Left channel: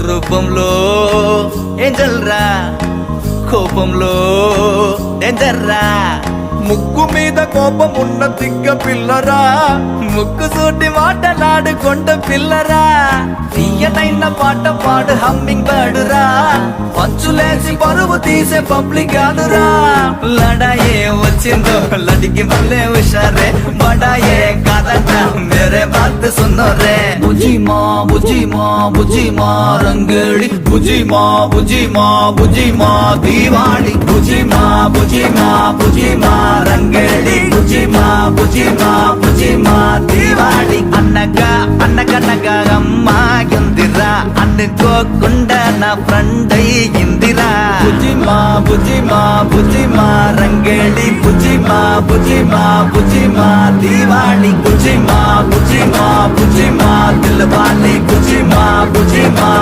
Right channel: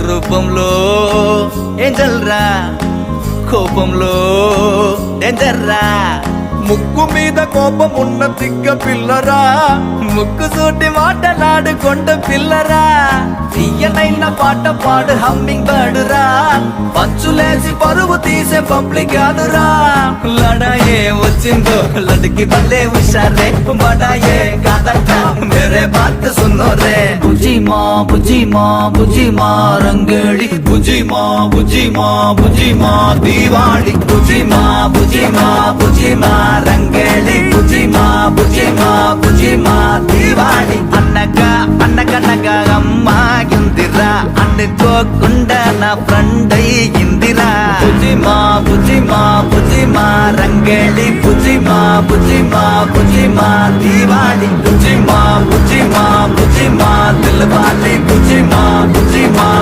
రూపంలో ఏంజల్ రా, కోపంలో డేంజర్ రా. ముక్కు మీద కోపం ఉన్న తిగ్గ పిల్లరా, ముక్కు సూటి మాటలాడుకొండ పిల్లరా. తీయనైన పాట పాడు హమ్మింగ్ బర్డురా, పంచులేసి పరువు తీసే పబ్లిక్ గాడురా. లడాయే వచ్చిందో లడికి వల్లే హుషారే, బడాయే కాదంట మేరే బాత్ సున్నో రే. బుజి మా బుజి మా బుజి మా రంగేళి, బుజి మా బుజి మా బుజి మా దీవాళి. బుజి మా బుజి మా బుజి మా రంగేళి, బుజి మా బుజి మా బుజి మా దీవాళి. అన్నగా అన్నగనగా అమ్మాయిందిరా, అనుకోకుండా నా ఫ్రెండ్ అయ్యిందిరా. బుజి మా బుజి మా బుజి మా రంగేళి, బుజి మా బుజి మా బుజి మా దీవాళి. బుజి మా బుజి మా బుజి మా దిల్వాలి, బుజి మా బుజి మా